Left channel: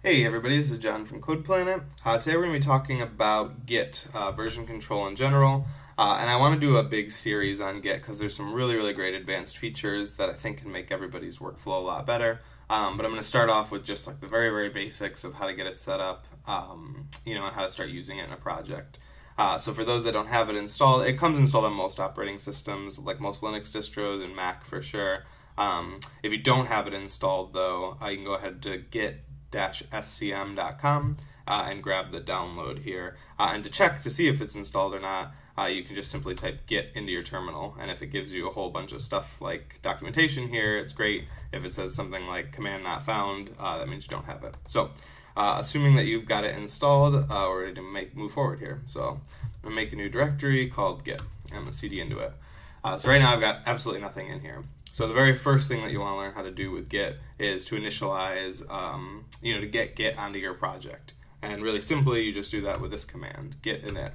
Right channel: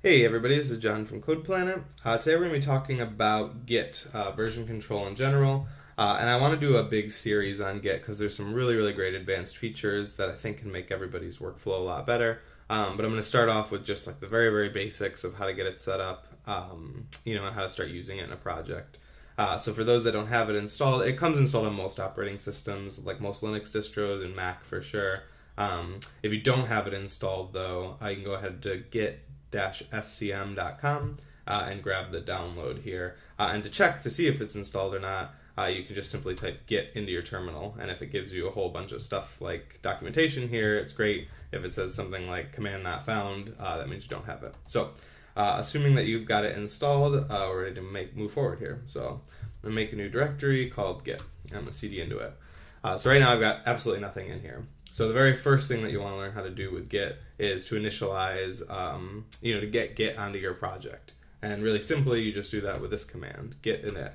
Hey everybody, this is John from CodePlanet. Today we're going to be talking about Git, version control in general, and I want to do a big series on Git because there's some really great advanced features that I think can make everybody's workflow a lot better. But I'm going to start off with just like the very basics of how to get it set up, and how to start using it in a project. So for those that don't have it installed, it comes installed on most operating systems, like most Linux distros and Mac for sure. If you don't have it installed though, you can go ahead to git-scm.com and grab the download here. And to check to see if it's installed or not, you can just simply type git into your terminal, and if it gives you a whole bunch of stuff like documentation here, it's great. If it says something like command not found, that means you don't have it. So assuming that you've got it installed, we're ready to move forward here. So I'm going to make a new directory called git. I'm going to cd into it. So right now I've got absolutely nothing in here. So the very first thing that you want to learn how to do with Git is to initialize, to get Git onto your project. And really simply, you just do that with this command, git init.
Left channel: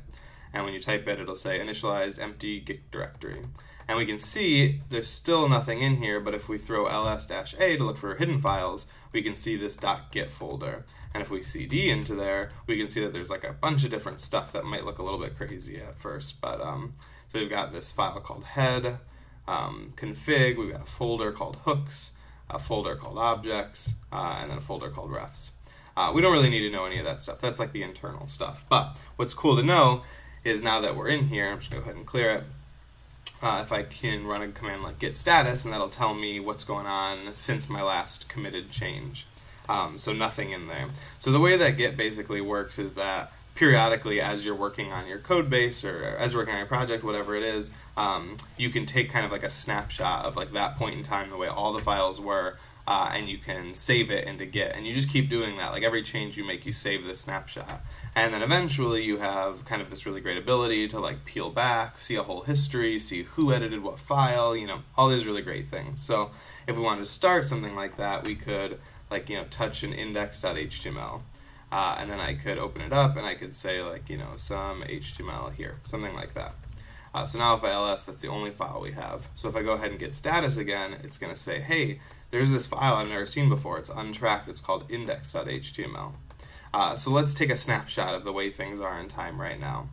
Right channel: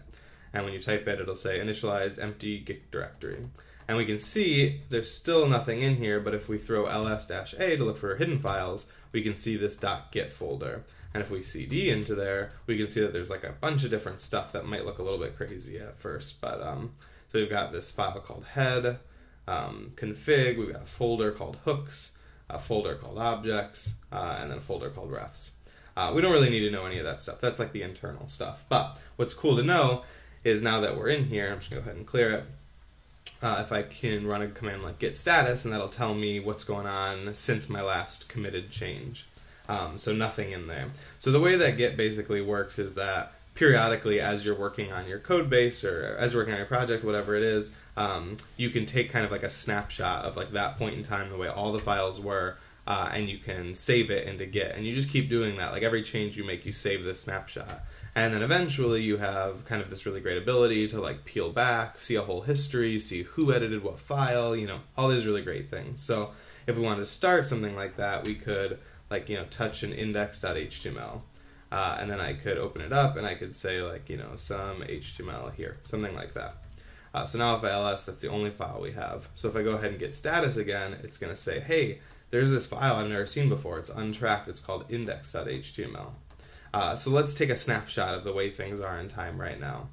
And when you type it, it'll say initialized empty Git directory. And we can see there's still nothing in here, but if we throw ls-a to look for hidden files, we can see this .git folder. And if we cd into there, we can see that there's like a bunch of different stuff that might look a little bit crazy at first. But so we've got this file called head, config, we've got a folder called hooks, a folder called objects, and then a folder called refs. We don't really need to know any of that stuff. That's like the internal stuff. But what's cool to know is now that we're in here, I'm just going to go ahead and clear it. If I can run a command like git status, and that'll tell me what's going on since my last committed change. So nothing in there. So the way that Git basically works is that periodically, as you're working on your code base or as you're working on your project, whatever it is, you can take kind of like a snapshot of like that point in time, the way all the files were, and you can save it into Git. And you just keep doing that. Like every change you make, you save this snapshot. And then eventually you have kind of this really great ability to like peel back, see a whole history, see who edited what file, all these really great things. So if we wanted to start something like that, we could touch an index.html. And then I could open it up and I could say some HTML here, something like that. So now if I ls, that's the only file we have. So if I go ahead and get status again, it's going to say, hey, there's this file I've never seen before. It's untracked. It's called index.html. So let's take a snapshot of the way things are in time right now.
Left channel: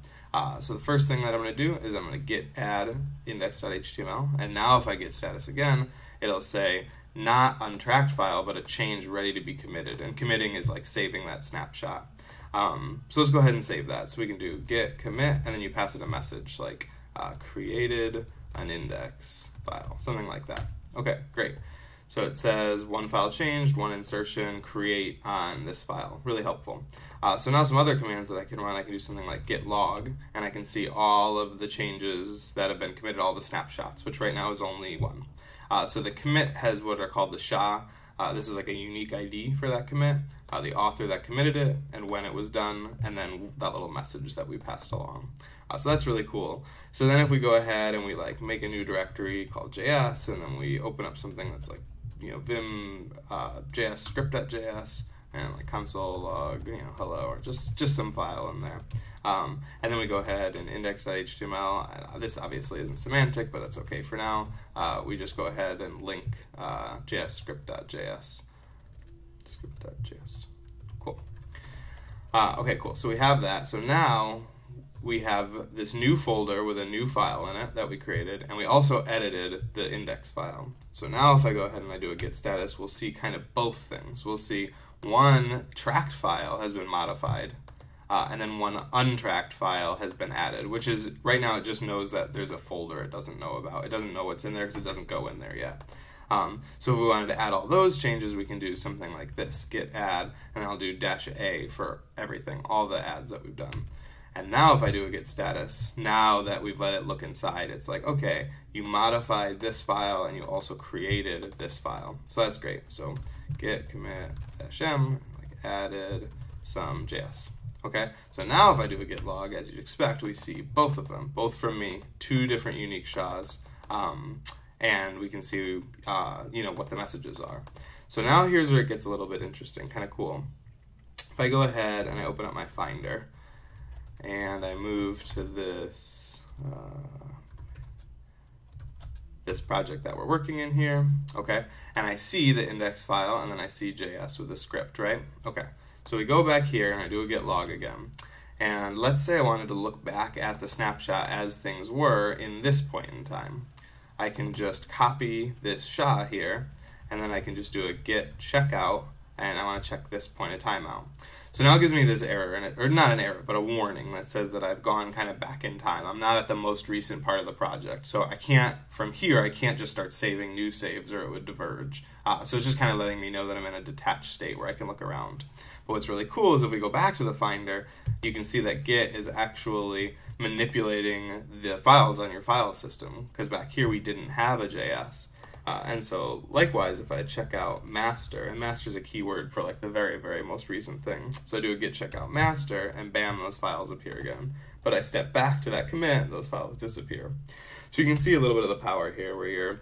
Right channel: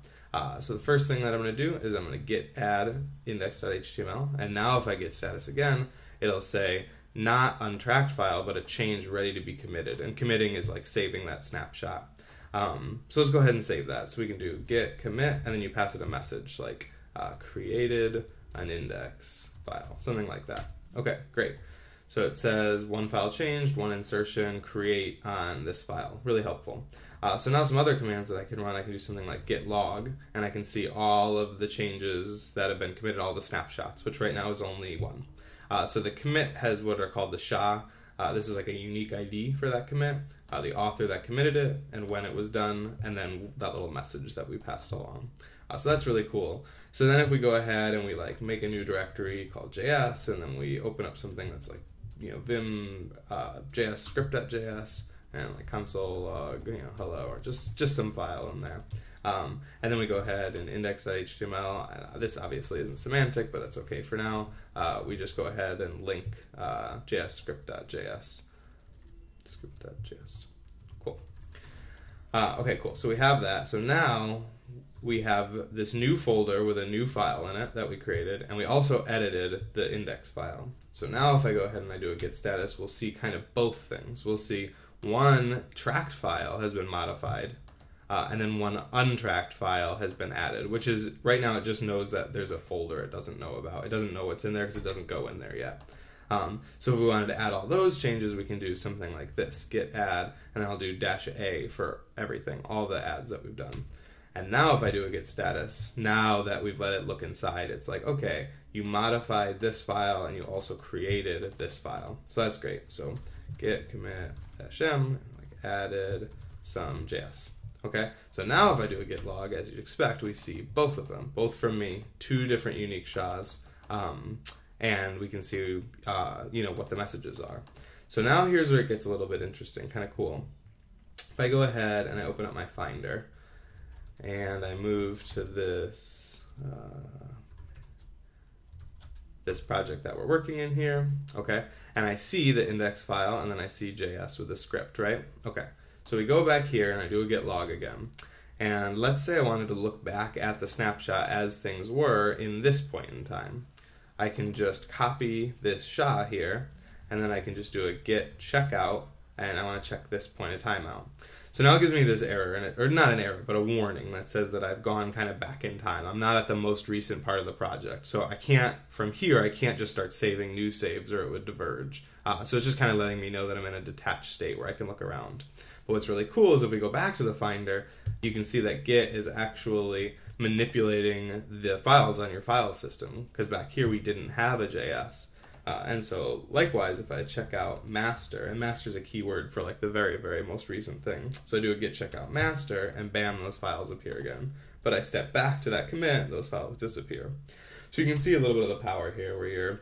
So the first thing that I'm going to do is I'm going to git add index.html. And now if I get status again, it'll say, not untracked file, but a change ready to be committed. And committing is like saving that snapshot. So let's go ahead and save that. So we can do git commit, and then you pass it a message like created an index file, something like that. Okay, great. So it says one file changed, one insertion, create on this file. Really helpful. So now some other commands that I can run, I can do something like git log, and I can see all of the changes that have been committed, all the snapshots, which right now is only one. So the commit has what are called the SHA. This is like a unique ID for that commit, the author that committed it, and when it was done, and then that little message that we passed along. So that's really cool. So then if we go ahead and we make a new directory called JS, and then we open up something that's like vim js script.js and like console log hello, or just some file in there. And then we go ahead and index.html. This obviously isn't semantic, but that's okay for now. We just go ahead and link JS script.js. Script.js. Cool. Okay, cool. So we have that. So now we have this new folder with a new file in it that we created, and we also edited the index file. So now if I go ahead and I do a git status, we'll see kind of both things. We'll see one tracked file has been modified, and then one untracked file has been added, which is, right now it just knows that there's a folder it doesn't know about. It doesn't know what's in there because it doesn't go in there yet. So if we wanted to add all those changes, we can do something like this, git add, and I'll do -a for everything, all the adds that we've done. And now if I do a git status, now that we've let it look inside, it's like, okay, you modified this file and you also created this file. So that's great. So git commit -m, added some JS. Okay, so now if I do a git log, as you'd expect, we see both of them, both from me, two different unique SHAs, and we can see, what the messages are. So now here's where it gets a little bit interesting, kind of cool. If I go ahead and I open up my Finder, and I move to this this project that we're working in here, okay? And I see the index file, and then I see JS with the script, right? Okay, so we go back here, and I do a git log again. And let's say I wanted to look back at the snapshot as things were in this point in time. I can just copy this SHA here, and then I can just do a git checkout, and I want to check this point of time out. So now it gives me this error, or not an error, but a warning that says that I've gone kind of back in time. I'm not at the most recent part of the project. So I can't, from here, I can't just start saving new saves or it would diverge. So it's just kind of letting me know that I'm in a detached state where I can look around. But what's really cool is if we go back to the Finder, you can see that Git is actually manipulating the files on your file system, because back here we didn't have a JS. And so likewise, if I check out master, and master is a keyword for like the very, very most recent thing. So I do a git checkout master, and bam, those files appear again. But I step back to that commit, those files disappear. So you can see a little bit of the power here where you're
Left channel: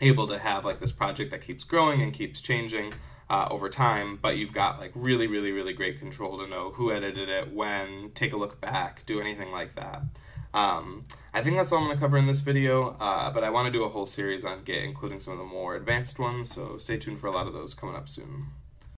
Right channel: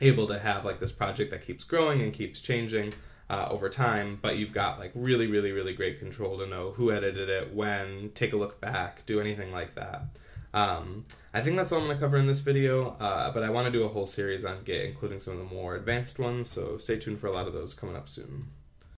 able to have like this project that keeps growing and keeps changing over time, but you've got like really, really, really great control to know who edited it, when, take a look back, do anything like that. I think that's all I'm going to cover in this video, but I want to do a whole series on Git, including some of the more advanced ones, so stay tuned for a lot of those coming up soon.